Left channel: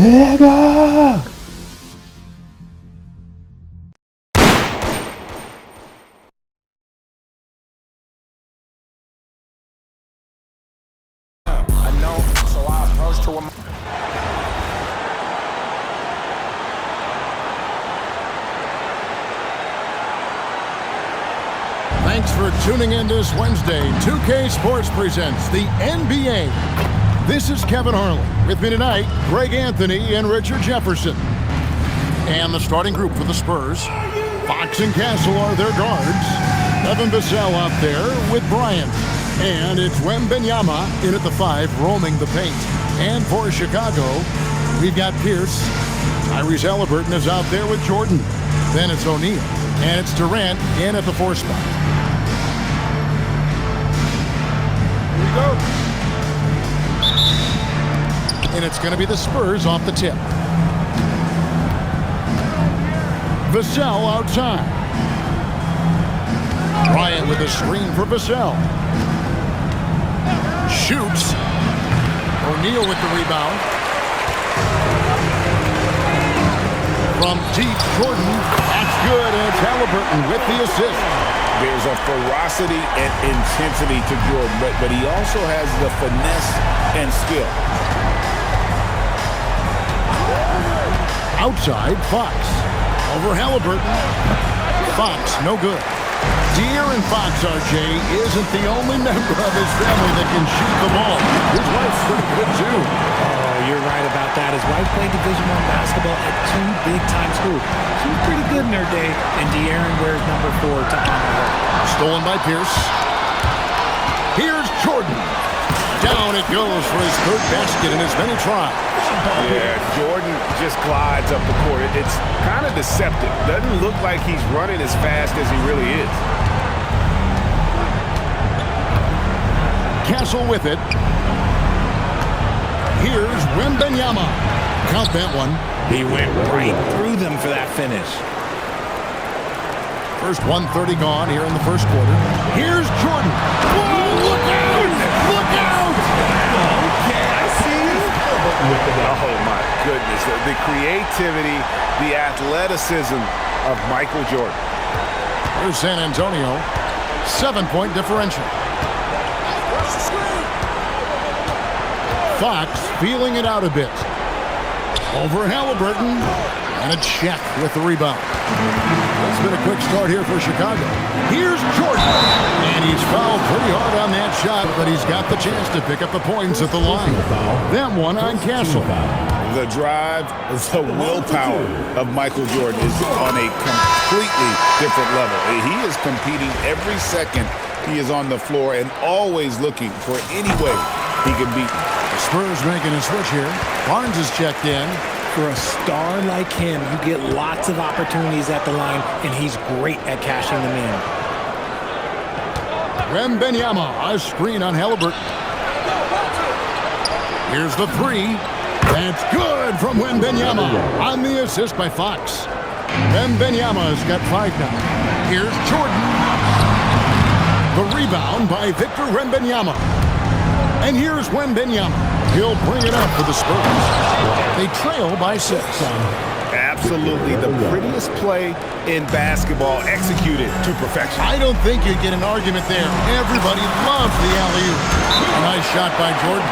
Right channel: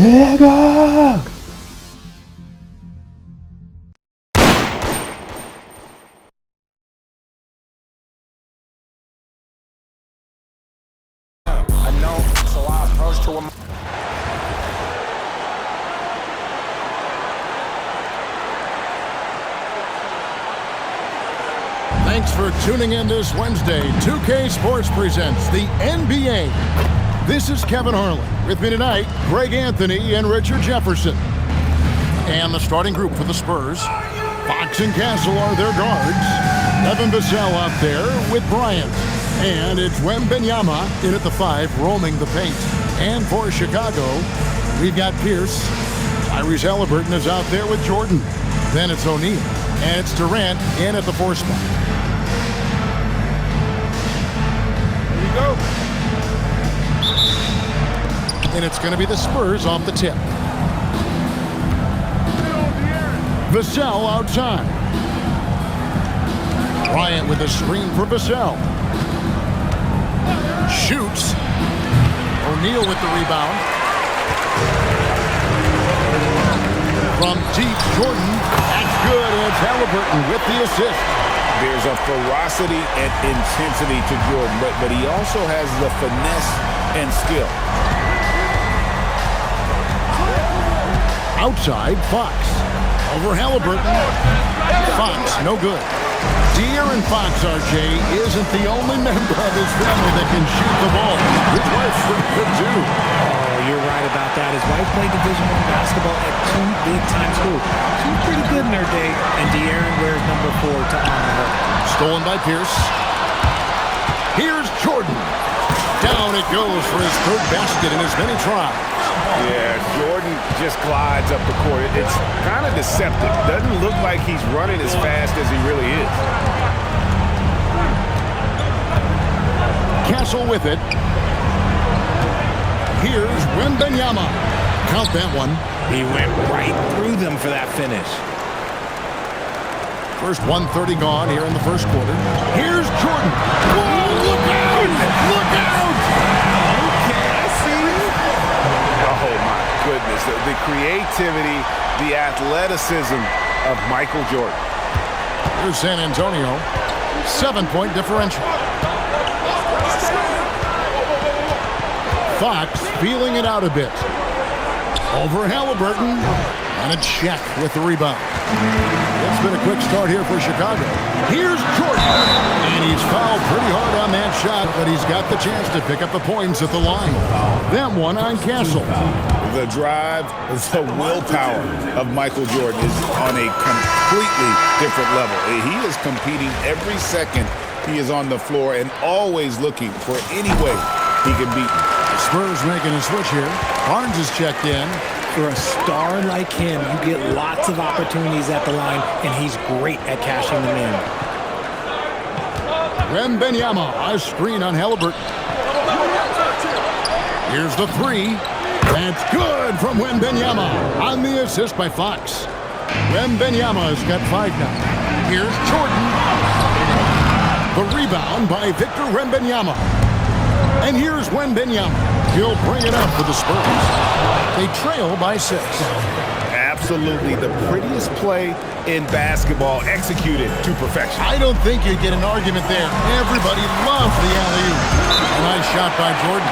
Nigga! I know, so I approached her with my... Thanks for tuning in this Wednesday. 2K Sports presents the NBA. This is Kevin Harlan. With me tonight, Greg Anthony and Richard Jefferson. And the starting group for the Spurs. Fox and Castle are their guards. Evan Vassell out there with Bryant. And it's Wembanyama in at the 5, roaming the paint. And for Chicago, we've got Pierce. Tyrese Halliburton is out there with Jordan. Then it's O'Neal. And it's Durant in at the 4 spot. Here we go. And it's going to be the Spurs off the tip. Vassell outside. Bryant with a screen for Vassell. Shoots. O'Neal with the rebound. From deep, Jordan. That's good, and it's Halliburton with the assist. There's a ferocity and intensity to Jordan, but he also has the finesse and skill. Outside, Fox. Over Halliburton. Fox, no good. De'Aaron Fox, RJ, isn't the only member of his family that can shoot the ball. His wife's pretty good, too. Oh, you're right about that. His wife played Division I basketball at 2 big-time schools. She was pretty good in her day, and De'Aaron wears number 4 to honor her. Stolen by Pierce. Here's Jordan. Down it goes for his 3rd basket in as many tries. Yeah, Jordan just glides up the court. It's kind of deceptive. Doesn't look like he's running as fast as he really is. Castle with it. Here's Wembanyama. Count that one. He went right through them for that finish. First 1:30 gone here in the first quarter. Here's Jordan. Whoa, look out! Look out! Okay, I see you. Oh, my goodness. The creativity, the athleticism of Michael Jordan. Here's San Antonio. 7-point differential. Fox feeling it out a bit. Over Halliburton. And a check with the rebound. It's been a quick start here for Chicago. Here's Jordan. And he's fouled pretty hard on that shot, but he's got the chance to pick up the points at the line. That one on Castle. The drive, the willpower of Michael Jordan is on a completely different level. He is competing every second he is on the floor and always looking for any way he can beat him. The Spurs making a switch here. Barnes is checked in. For a star like him, you get lots of opportunities at the line, and he's great at cashing them in. Wembanyama, a screen on Halliburton. Here's the 3. That's good from Wembanyama on the assist by Fox. Wembanyama's got 5 now. Here's Jordan. The rebound by Victor Wembanyama. And here's Wembanyama. He'll bring it up for the Spurs. They trail by 6. Absolutely the prettiest play in basketball, executed to perfection. I don't think you'd get an argument there. Everybody loves the alley-oop. A nice shot by Jordan.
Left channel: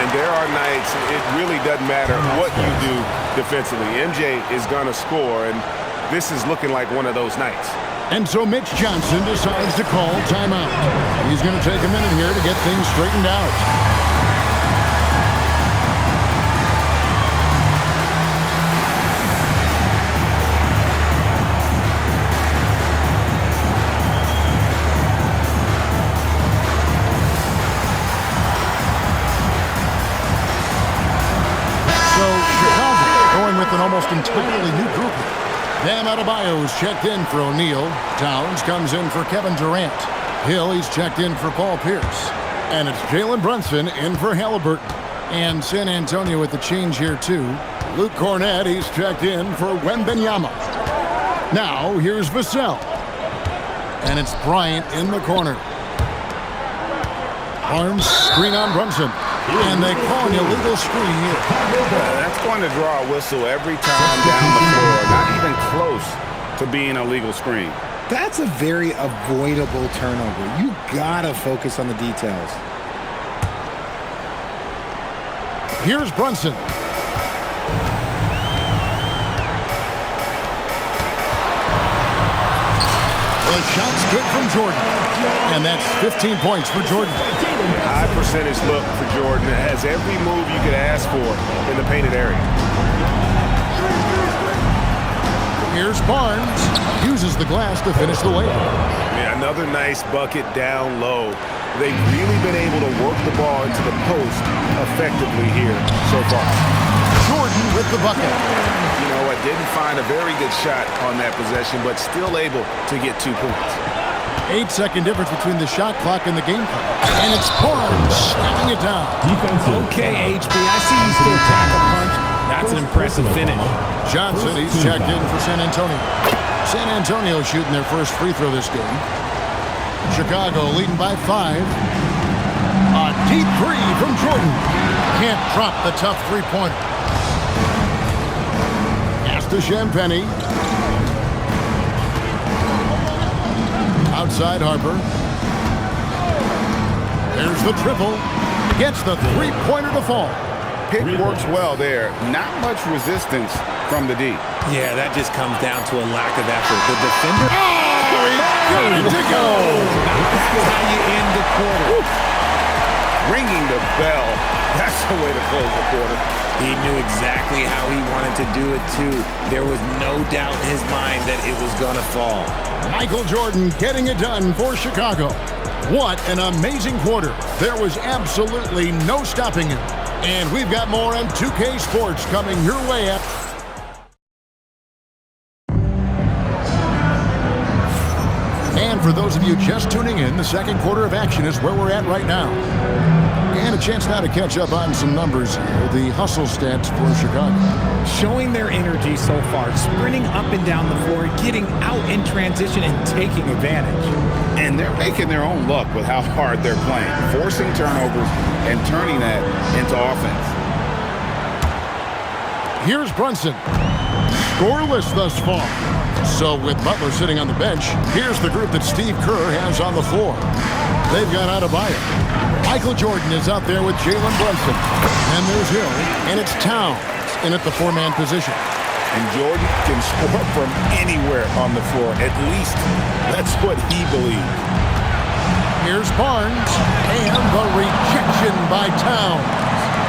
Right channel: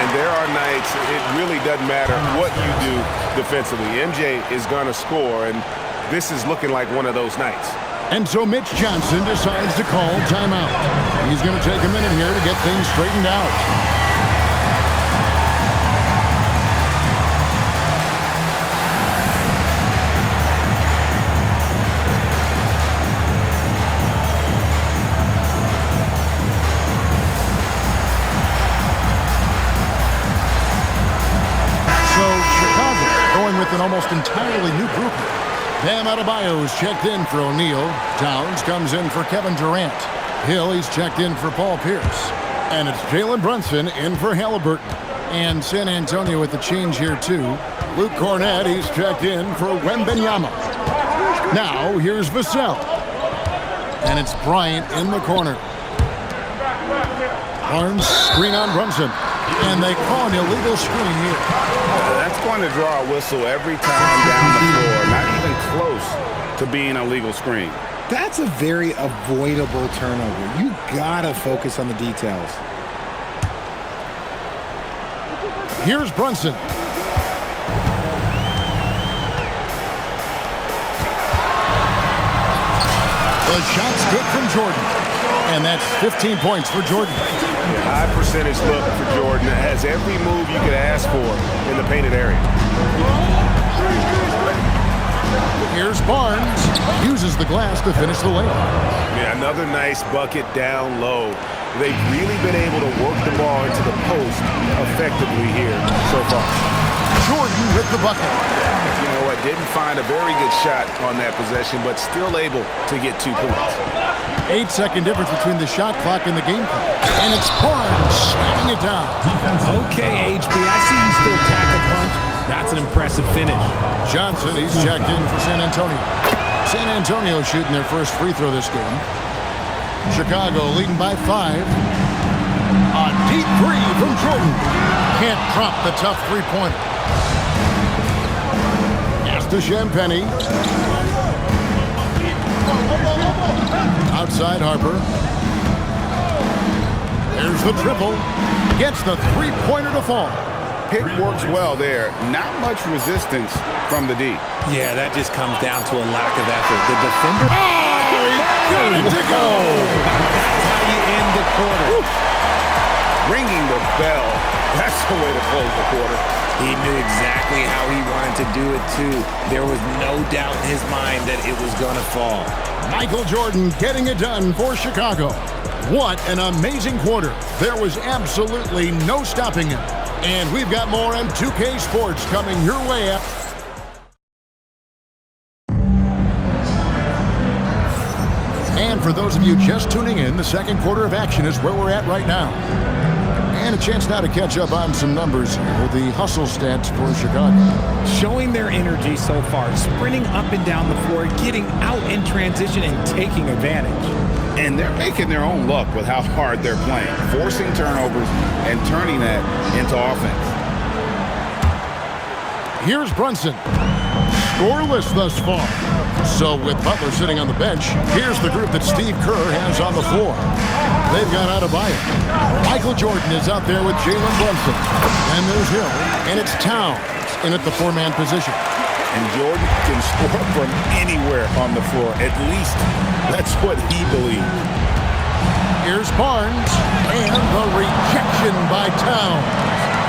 And there are nights it really doesn't matter what you do defensively. MJ is going to score, and this is looking like one of those nights. And so Mitch Johnson decides to call timeout. He's going to take a minute here to get things straightened out. Going with an almost entirely new group here. Bam Adebayo is checked in for O'Neal. Towns comes in for Kevin Durant. Hill, he's checked in for Paul Pierce. And it's Jalen Brunson in for Halliburton. And San Antonio with the change here too. Luke Cornett, he's checked in for Wembanyama. Now here's Vassell. And it's Bryant in the corner. Barnes, screen on Brunson. And they call an illegal screen here. That's going to draw a whistle every time down the floor. Not even close to being a legal screen. That's a very avoidable turnover. You gotta focus on the details. Here's Brunson. The shot's good from Jordan. And that's 15 points for Jordan. High percentage look for Jordan. It has every move you could ask for in the painted area. Here's Barnes. Uses the glass to finish the layup. Yeah, another nice bucket down low. They've really been able to work the ball into the post effectively here so far. Jordan with the bucket. You know what? Didn't find a very good shot on that possession, but still able to get 2 points. 8-second difference between the shot clock and the game clock. And it's Barnes slamming it down. Okay, HB, I see you still pack a punch. That's an impressive finish. Johnson, he's checked in for San Antonio. San Antonio shooting their first free throw this game. Chicago leading by 5. A deep three from Jordan. Can't drop the tough three-pointer. Pass to Champagny. Outside Harper. There's the triple. Gets the three-pointer to fall. Pick works well there. Not much resistance from the D. Yeah, that just comes down to a lack of effort. The defender... Oh, he got it to go! Now that's how you end the quarter. Ringing the bell. That's the way to close the quarter. He knew exactly how he wanted to do it, too. There was no doubt in his mind that it was going to fall. Michael Jordan getting it done for Chicago. What an amazing quarter. There was absolutely no stopping him. And we've got more on 2K Sports coming your way. And for those of you just tuning in, the second quarter of action is where we're at right now. And a chance now to catch up on some numbers here. The hustle stats for Chicago. Showing their energy so far, sprinting up and down the floor, getting out in transition and taking advantage. And they're making their own luck with how hard they're playing, forcing turnovers and turning that into offense. Here's Brunson. Scoreless thus far. So with Butler sitting on the bench, here's the group that Steve Kerr has on the floor. They've got Adebayo. Michael Jordan is out there with Jalen Brunson. Then there's Hill, and it's Towns in at the four-man position. And Jordan can score from anywhere on the floor. At least that's what he believes. Here's Barnes, and the rejection by Towns.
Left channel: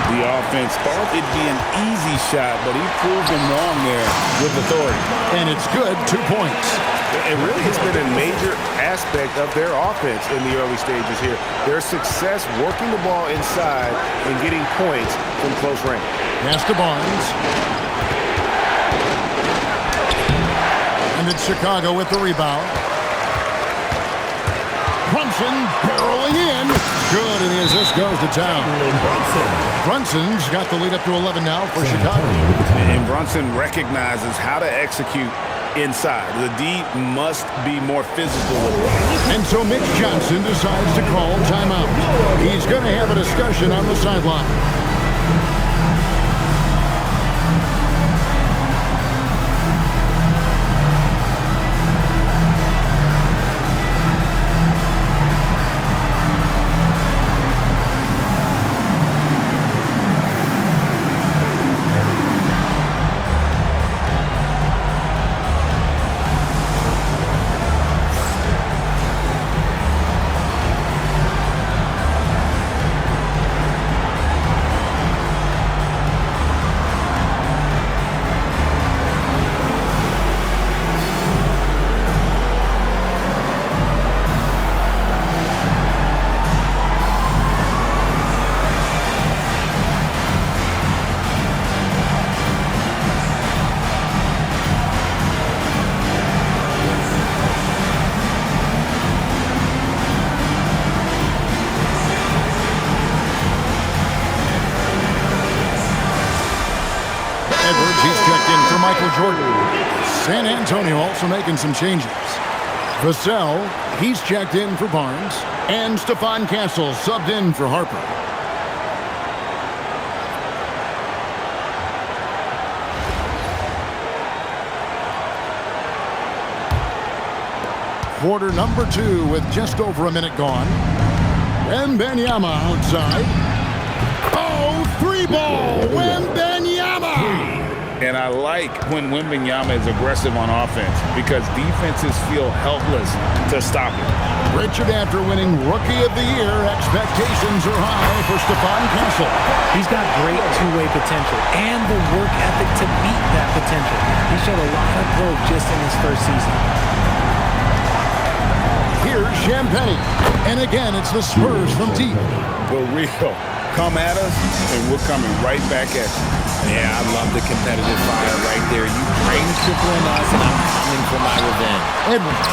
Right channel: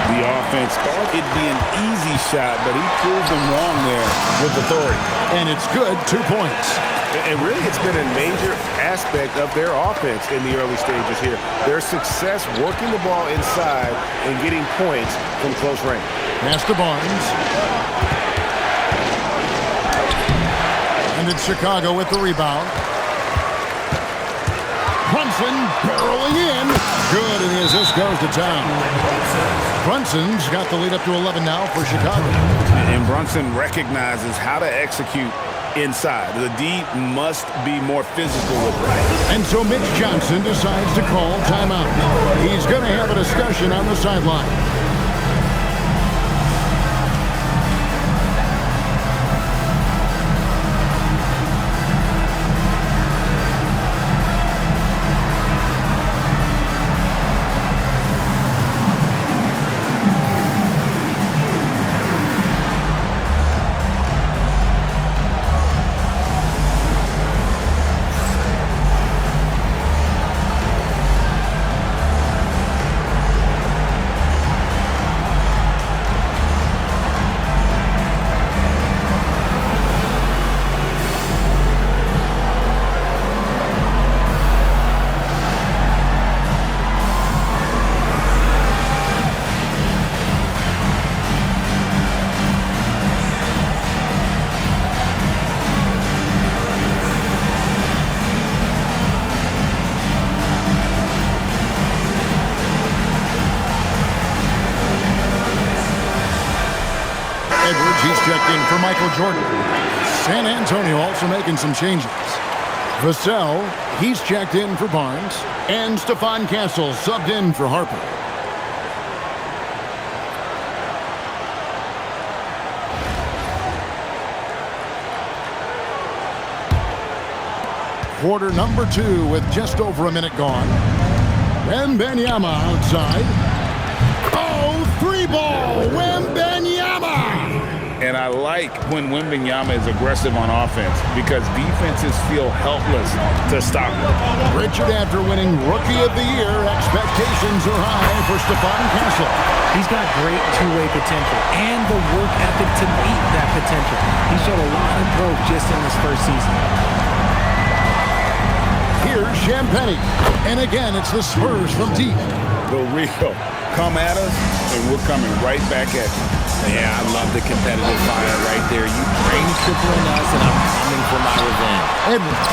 The offense thought it'd be an easy shot, but he proved them wrong there with authority. And it's good, 2 points. And really, it's been a major aspect of their offense in the early stages here. Their success working the ball inside and getting points from close range. Pass to Barnes. And it's Chicago with the rebound. Brunson barreling in. Good, and the assist goes to Town. Brunson's got the lead up to 11 now for Chicago. And Brunson recognizes how to execute inside. The D must be more physical with it. And so Mitch Johnson decides to call timeout. He's going to have a discussion on the sideline. Edwards, he's checked in for Michael Jordan. San Antonio also making some changes. Vassell, he's checked in for Barnes. And Stephon Castle subbed in for Harper. quarter number 2 with just over a minute gone. Wembanyama outside. Oh, 3-ball. Wembanyama. And I like when Wembanyama is aggressive on offense because defenses feel helpless to stop him. Richard, after winning Rookie of the Year, expectations are high for Stephon Castle. He's got great two-way potential and the work ethic to meet that potential. He showed a lot of growth just in his first season. Here's Champagnie. And again, it's the Spurs from deep. The real. Come at us, and we're coming right back at you. Yeah, I love the competitive fire right there. You drain tripling us, and I'm coming for my revenge. Edwards.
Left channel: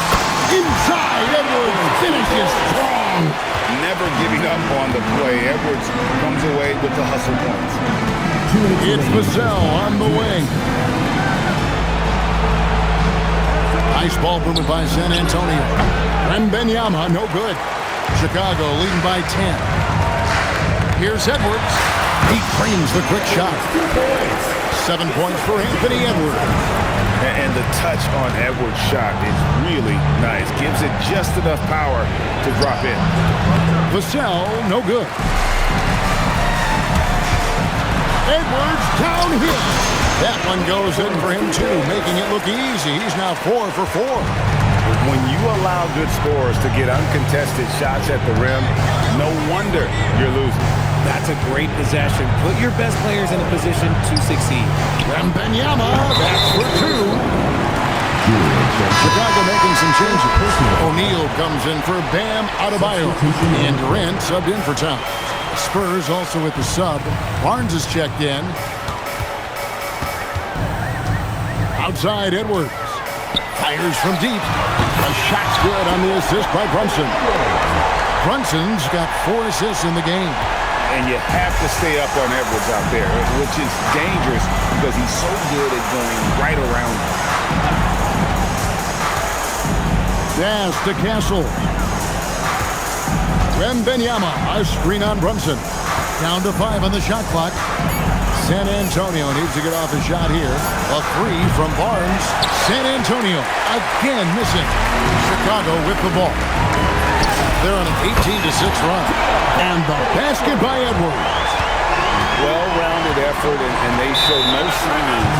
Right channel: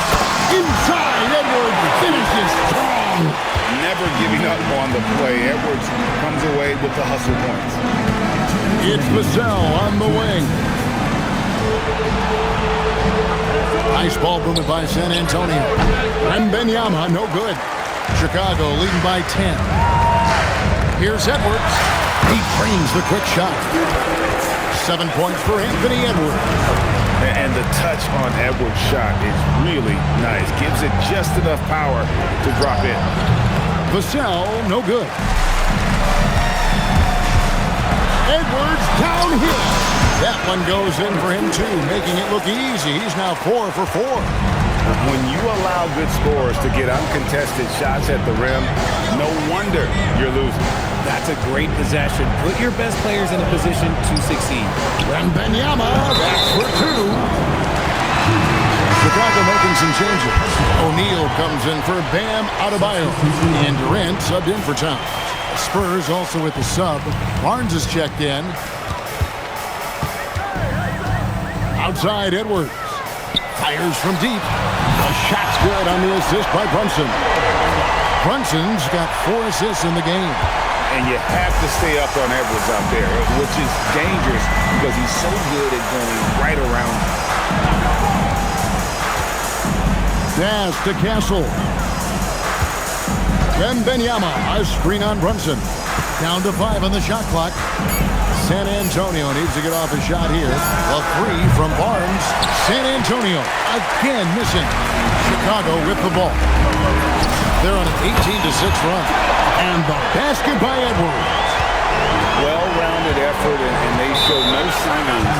Inside. Edwards finishes strong. Never giving up on the play. Edwards comes away with the hustle points. It's Vassell on the wing. Nice ball movement by San Antonio. Wembanyama, no good. Chicago leading by 10. Here's Edwards. He frames the quick shot. 7 points for Anthony Edwards. And the touch on Edwards' shot is really nice. Gives it just enough power to drop in. Vassell, no good. Edwards downhill. That one goes in for him too, making it look easy. He's now 4 for 4. When you allow good scorers to get uncontested shots at the rim, no wonder you're losing. That's a great possession. Put your best players in a position to succeed. Wembanyama, that's for 2. Chicago making some changes. O'Neal comes in for Bam Adebayo. And Durant subbed in for Towns. The Spurs also with the sub. Barnes is checked in. Outside Edwards. Fires from deep. A shot's good on the assist by Brunson. Brunson's got 4 assists in the game. And you have to stay up on Edwards out there, which is dangerous because he's so good at going right around. Pass to Castle. Wembanyama, a screen on Brunson. Down to 5 on the shot clock. San Antonio needs to get off a shot here. A 3 from Barnes. San Antonio again missing. Chicago with the ball. They're on an 18-6 run. And the basket by Edwards. Well-rounded effort, and they show no signs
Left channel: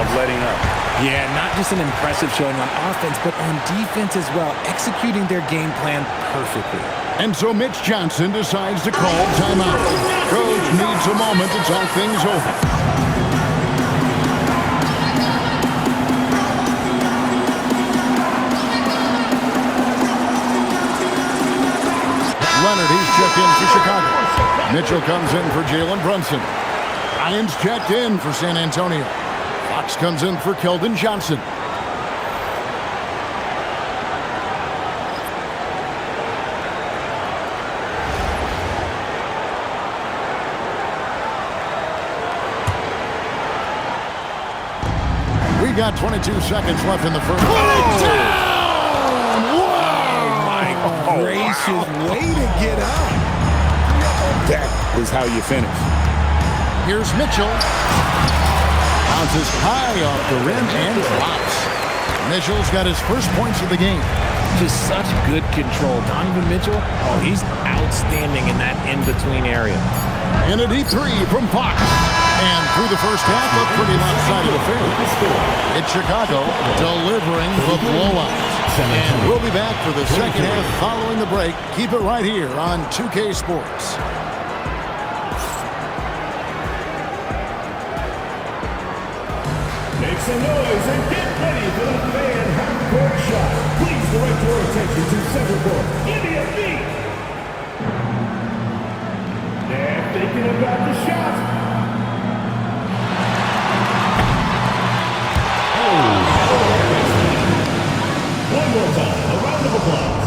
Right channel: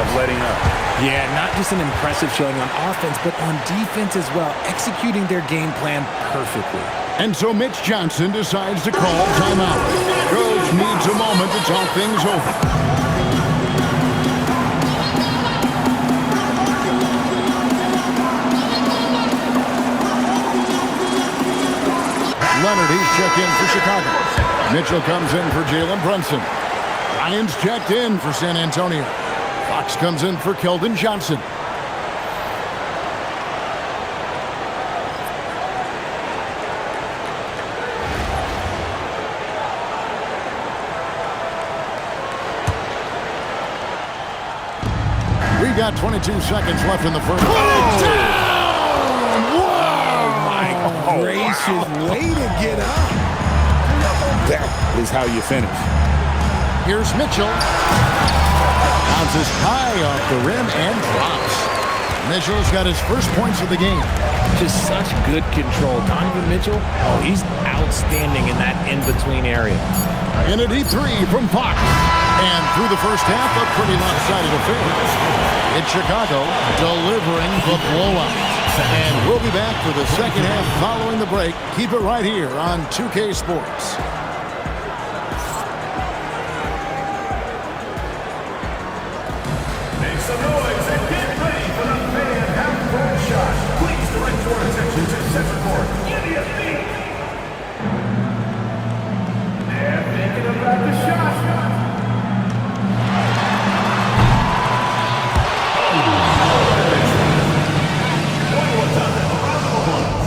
of letting up. Yeah, not just an impressive showing on offense, but on defense as well, executing their game plan perfectly. And so Mitch Johnson decides to call timeout. Coach needs a moment to talk things over. Leonard, he's checked in for Chicago. Mitchell comes in for Jalen Brunson. Ryan's checked in for San Antonio. Fox comes in for Keldon Johnson. We've got 22 seconds left in the first. Put it down! Wow! My gracious, way to get up. That is how you finish. Here's Mitchell. Bounces high off the rim and drops. Mitchell's got his first points of the game. Just such good control. Donovan Mitchell, oh, he's outstanding in that in-between area. In a deep 3 from Fox. And through the first half, a pretty lopsided affair. It's Chicago delivering the blowout. And we'll be back for the second half following the break. Keep it right here on 2K Sports. Make some noise and get ready for the Megan half-court shot. Please direct your attention to center court. Give me a beat. They're thinking about the shot. One more time, a round of applause.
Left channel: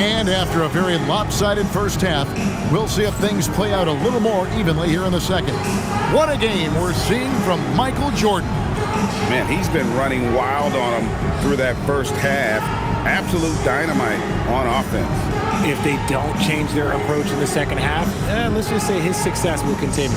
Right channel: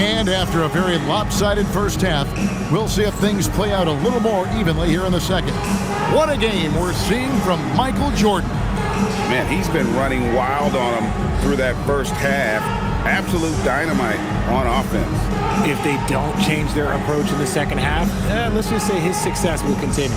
And after a very lopsided first half, we'll see if things play out a little more evenly here in the second. What a game we're seeing from Michael Jordan. Man, he's been running wild on him through that first half. Absolute dynamite on offense. If they don't change their approach in the second half, let's just say his success will continue.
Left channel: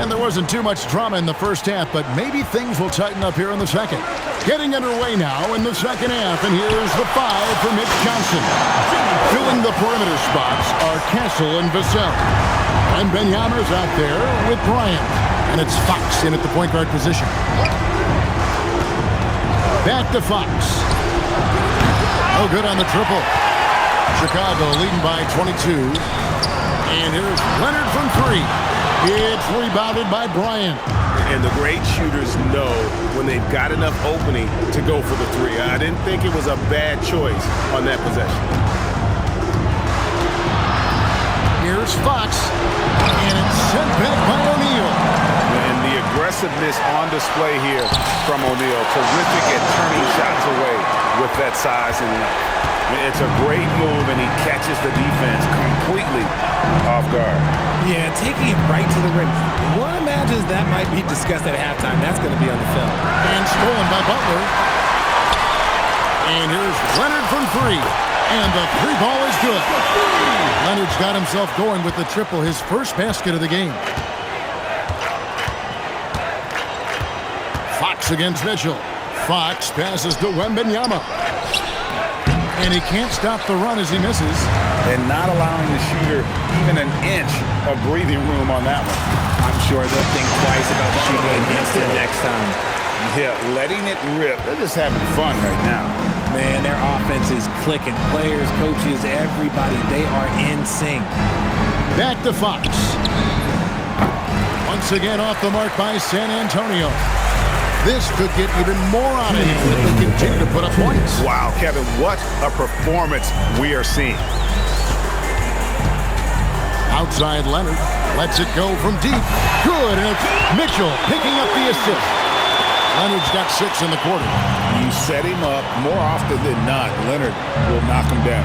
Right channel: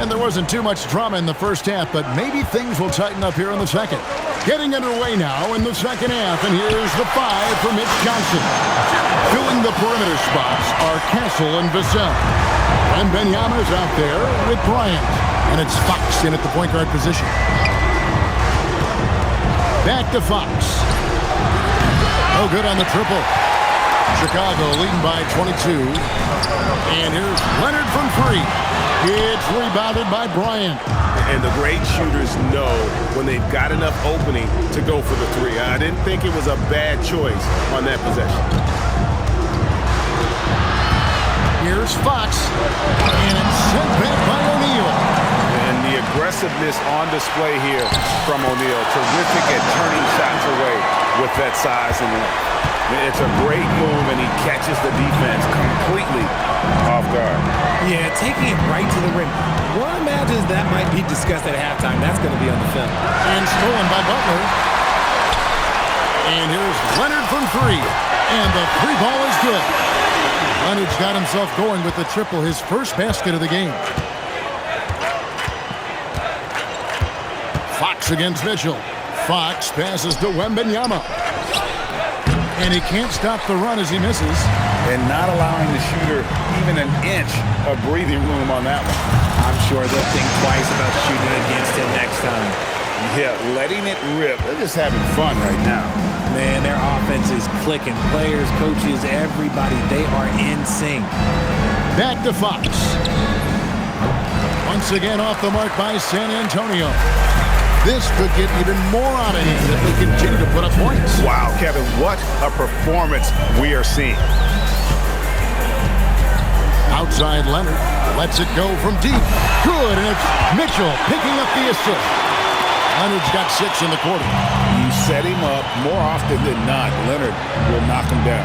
And there wasn't too much drama in the first half, but maybe things will tighten up here in the second. Getting underway now in the second half, and here's the 5 for Mitch Johnson. Filling the perimeter spots are Castle and Vassell. And Benyama's out there with Bryant. And it's Fox in at the point guard position. Back to Fox. No good on the triple. Chicago leading by 22. And here's Leonard from 3. It's rebounded by Bryant. And the great shooters know when they've got enough opening to go for the 3. I didn't think it was a bad choice on that possession. Here's Fox. And it's sent back by O'Neal. And the aggressiveness on display here from O'Neal. Terrific at turning shots away with that size and length. It's a great move, and he catches the defense completely off guard. Yeah, taking it right to the rim. One imagines that might be discussed at halftime. That's going to be on the film. And stolen by Butler. And here's Leonard from 3. And the 3 ball is good. Leonard's got himself going with the triple, his first basket of the game. Fox against Mitchell. Fox passes to Wembanyama. And he can't stop the run as he misses. And not allowing the shooter even an inch of breathing room on that one. I'm sure they'll think twice about shooting against him next time. Yeah, letting it rip. They're just having fun right now. Man, their offense is clicking. Players, coaches, everybody, they are in sync. Back to Fox. Once again off the mark by San Antonio. This could get even more out of him if they continue to put up points. Wow, Kevin, what a performance we are seeing. Outside Leonard lets it go from deep. Good, and it's Mitchell picking up the assist. Leonard's got 6 in the quarter. You set him up more often than not. Leonard will knock him down.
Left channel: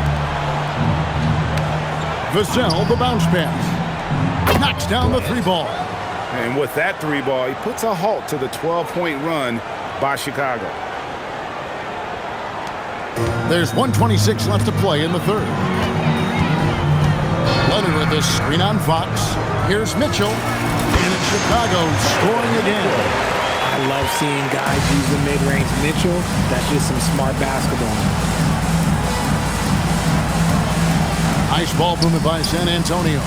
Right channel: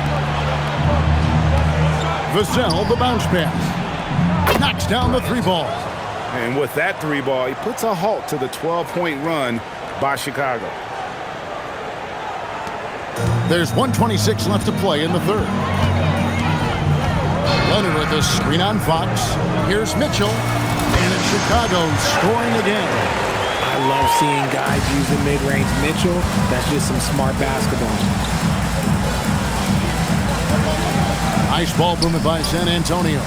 Vassell, the bounce pass. Knocks down the 3 ball. And with that 3 ball, he puts a halt to the 12-point run by Chicago. There's 1:26 left to play in the third. Leonard with a screen on Fox. Here's Mitchell. And it's Chicago scoring again. I love seeing guys use the mid-range. Mitchell, that's just some smart basketball. Nice ball movement by San Antonio.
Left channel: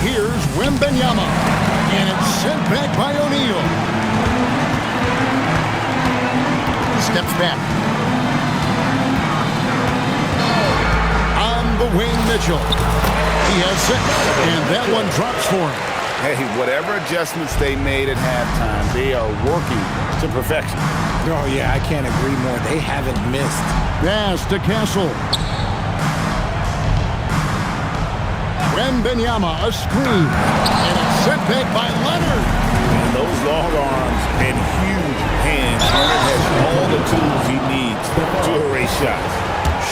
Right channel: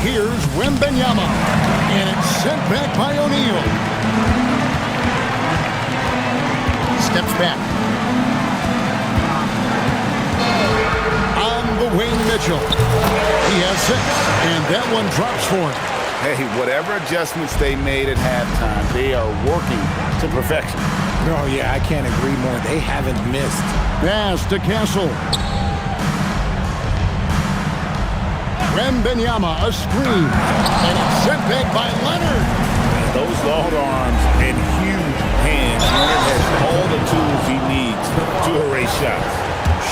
Here's Wembanyama. And it's sent back by O'Neal. Steps back. On the wing, Mitchell. He has 6, and that one drops for him. Hey, whatever adjustments they made at halftime, they are working to perfection. Oh, yeah, I can't agree more. They haven't missed. Pass to Castle. Wembanyama, a screen. And it's sent back by Leonard. And those long arms and huge hands, Leonard has all the tools he needs to erase shots.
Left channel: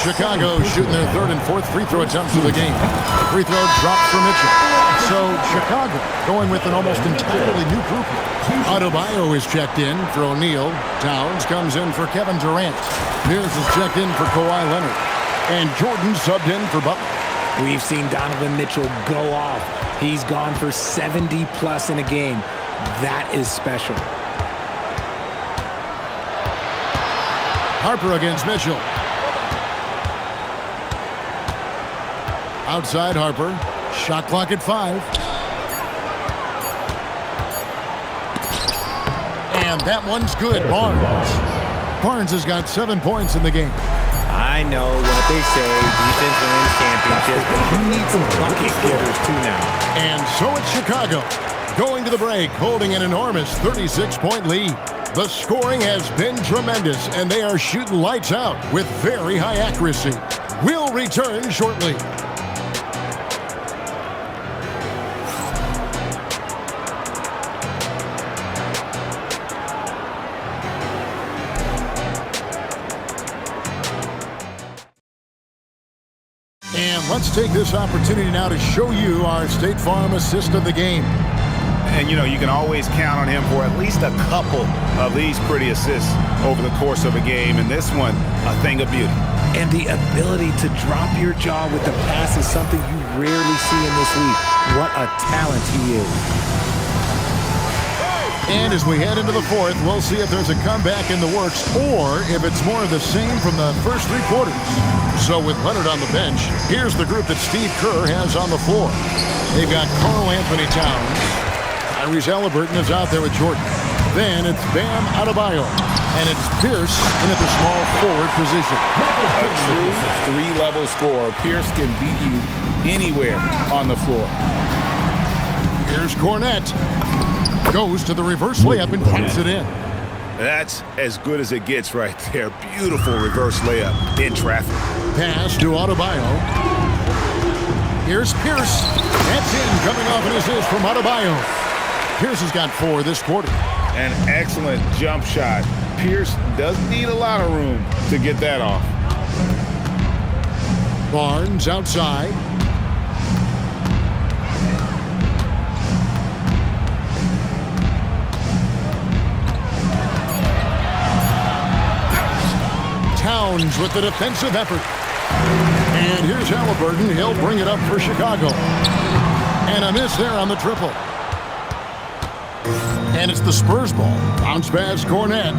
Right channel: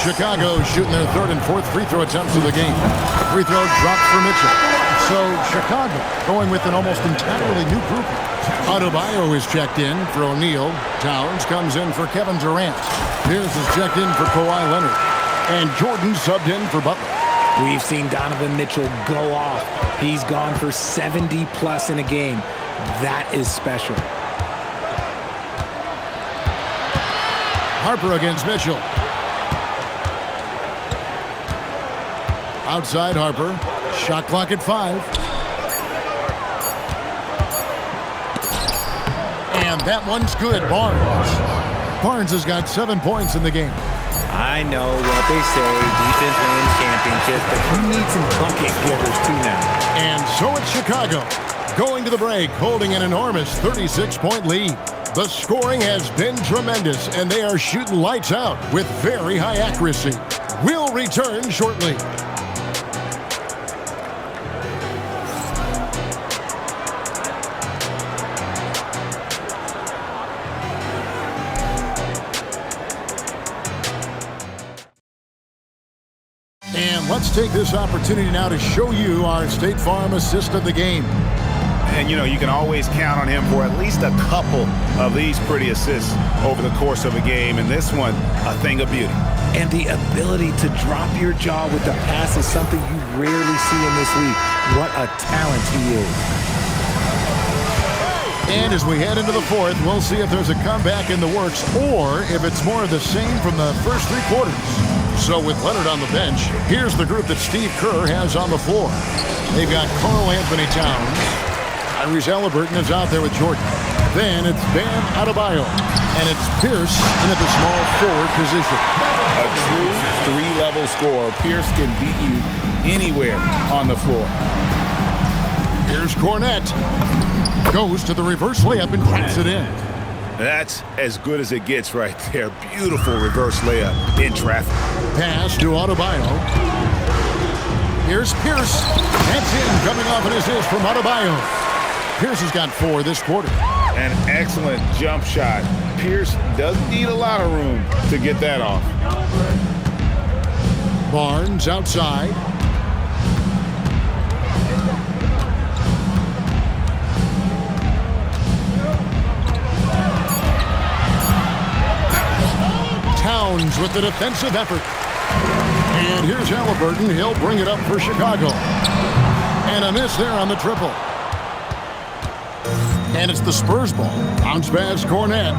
Chicago shooting their 3rd and 4th free throw attempts of the game. The free throw dropped for Mitchell. So Chicago going with an almost entirely new group. Adebayo is checked in for O'Neal. Towns comes in for Kevin Durant. Pierce is checked in for Kawhi Leonard. And Jordan subbed in for Butler. We've seen Donovan Mitchell go off. He's gone for 70+ in a game. That is special. Harper against Mitchell. Outside Harper. Shot clock at 5. And that one's good. Barnes has got 7 points in the game. I know what they say, defense wins championships, but you need some bucket getters too now. And so it's Chicago going to the break, holding an enormous 36-point lead. The scoring has been tremendous, and they are shooting lights out with very high accuracy. We'll return shortly. And let's take this opportunity now to show you our State Farm assist of the game. And, you know, you can always count on him for at least a couple of these pretty assists over the course of a game. And this one, a thing of beauty. And the ability to drop your jaw with the pass is something you rarely see in this league. What a talent he is. And as we head into the fourth, we'll see if there's a comeback in the works or if it's more of the same from the first three quarters. So with Leonard on the bench, here's the group that Steve Kerr has on the floor. They've got Karl Anthony Towns. Tyrese Halliburton is out there with Jordan. Then it's Bam Adebayo. And it's Pierce in at the small forward position. A true three-level scorer. Pierce can beat you anywhere on the floor. Here's Cornette. Goes to the reverse layup and taps it in. That's as good as it gets right there. Beautiful reverse layup in traffic. Pass to Adebayo. Here's Pierce. That's in, coming off an assist from Adebayo. Pierce has got 4 this quarter. An excellent jump shot. Pierce doesn't need a lot of room to get that off. Barnes outside. Towns with the defensive effort. And here's Halliburton. He'll bring it up for Chicago. And a miss there on the triple. And it's the Spurs ball. Bounce pass, Cornette.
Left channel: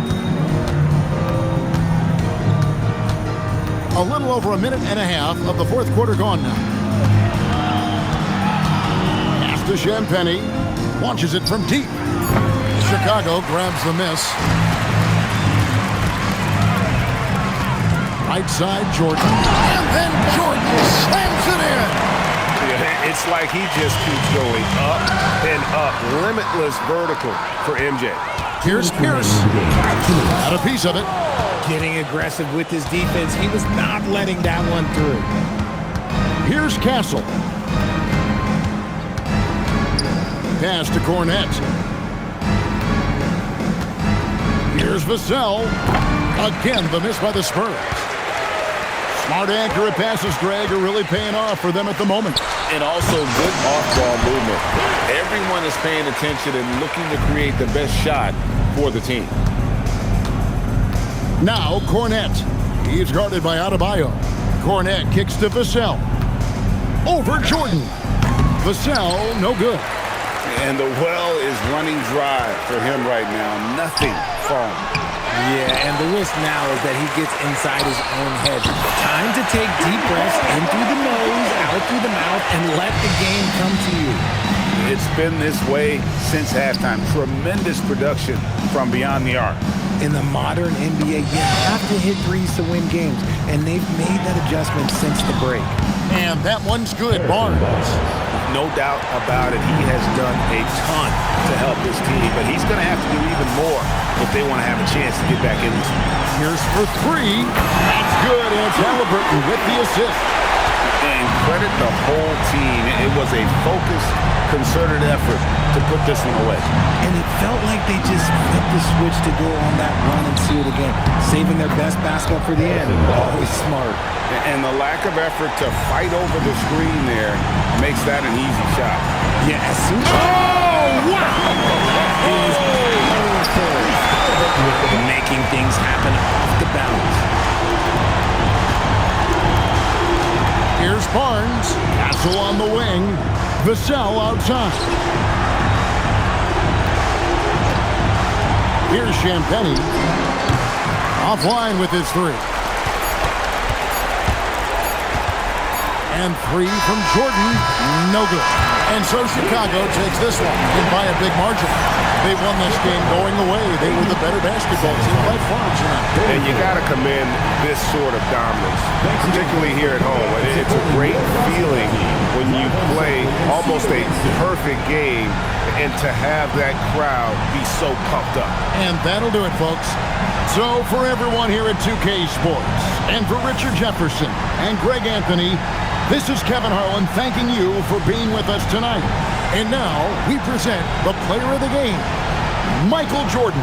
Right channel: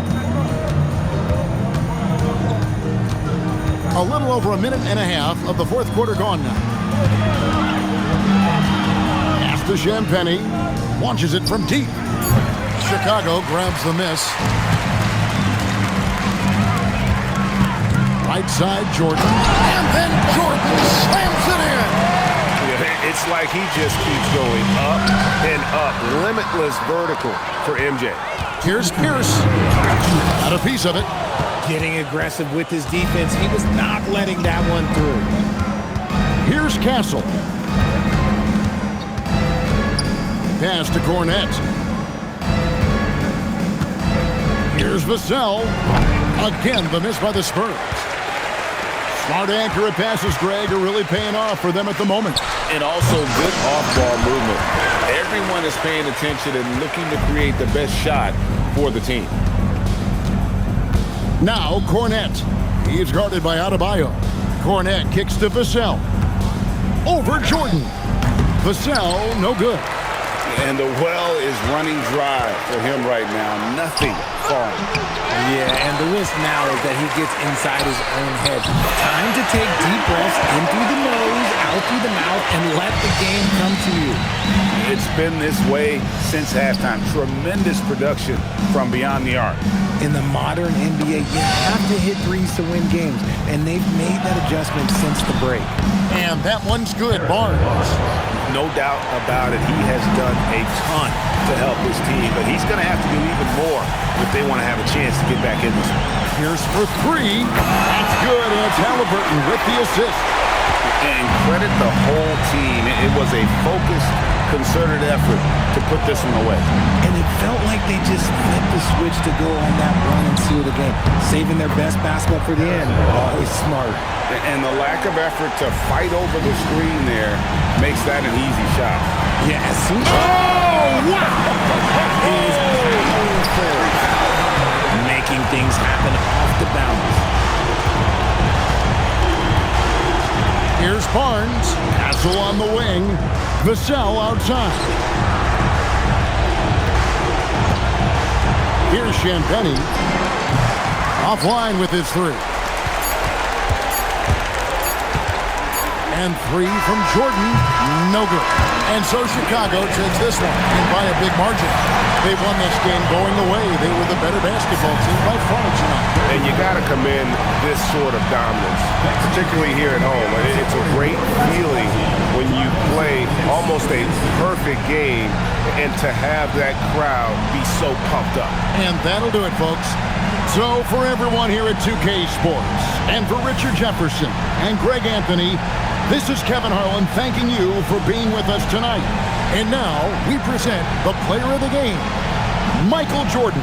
A little over a minute and a half of the fourth quarter gone now. Pass to Champagny. Launches it from deep. Chicago grabs the miss. Right side, Jordan. And then Jordan slams it in. Yeah, it's like he just keeps going up and up. Limitless vertical for MJ. Here's Pierce. Got a piece of it. Getting aggressive with his defense. He was not letting that one through. Here's Castle. Pass to Cornette. Here's Vassell. Again, the miss by the Spurs. Smart accurate passes, Greg, are really paying off for them at the moment. And also good off-ball movement. Everyone is paying attention and looking to create the best shot for the team. Now Cornette. He's guarded by Adebayo. Cornette kicks to Vassell. Over Jordan. Vassell, no good. And the well is running dry for him right now. Nothing falling. Yeah, and the risk now is that he gets inside his own head. Time to take deep breaths in through the nose, out through the mouth, and let the game come to you. It's been this way since halftime. Tremendous production from beyond the arc. In the modern NBA, you have to hit threes to win games, and they've made that adjustment since the break. And that one's good, Barnes. No doubt about it. He has done a ton to help his team, but he's going to have to do even more if they want to have a chance to get back in this one. Here's for 3. That's good, and it's Halliburton with the assist. And credit the whole team. It was a focused, concerted effort to put this one away. And it felt like they just flipped the switch to go on that run and seal the game, saving their best basketball for the end. Always smart. And the lack of effort to fight over the screen there makes that an easy shot. Yeah, as soon as... Oh, wow! That is powerful. Making things happen off the bounce. Here's Barnes. Castle on the wing. Vassell outside. Here's Champagny. Offline with his 3. And 3 from Jordan. No good. And so Chicago takes this one and by a big margin. They won this game going away. They were the better basketball team by far tonight. And you got to commend this sort of dominance, particularly here at home. It's a great feeling when you play almost a perfect game and to have that crowd be so pumped up. And that'll do it, folks. So for everyone here at 2K Sports, and for Richard Jefferson and Greg Anthony, this is Kevin Harlan thanking you for being with us tonight. And now we present the player of the game, Michael Jordan.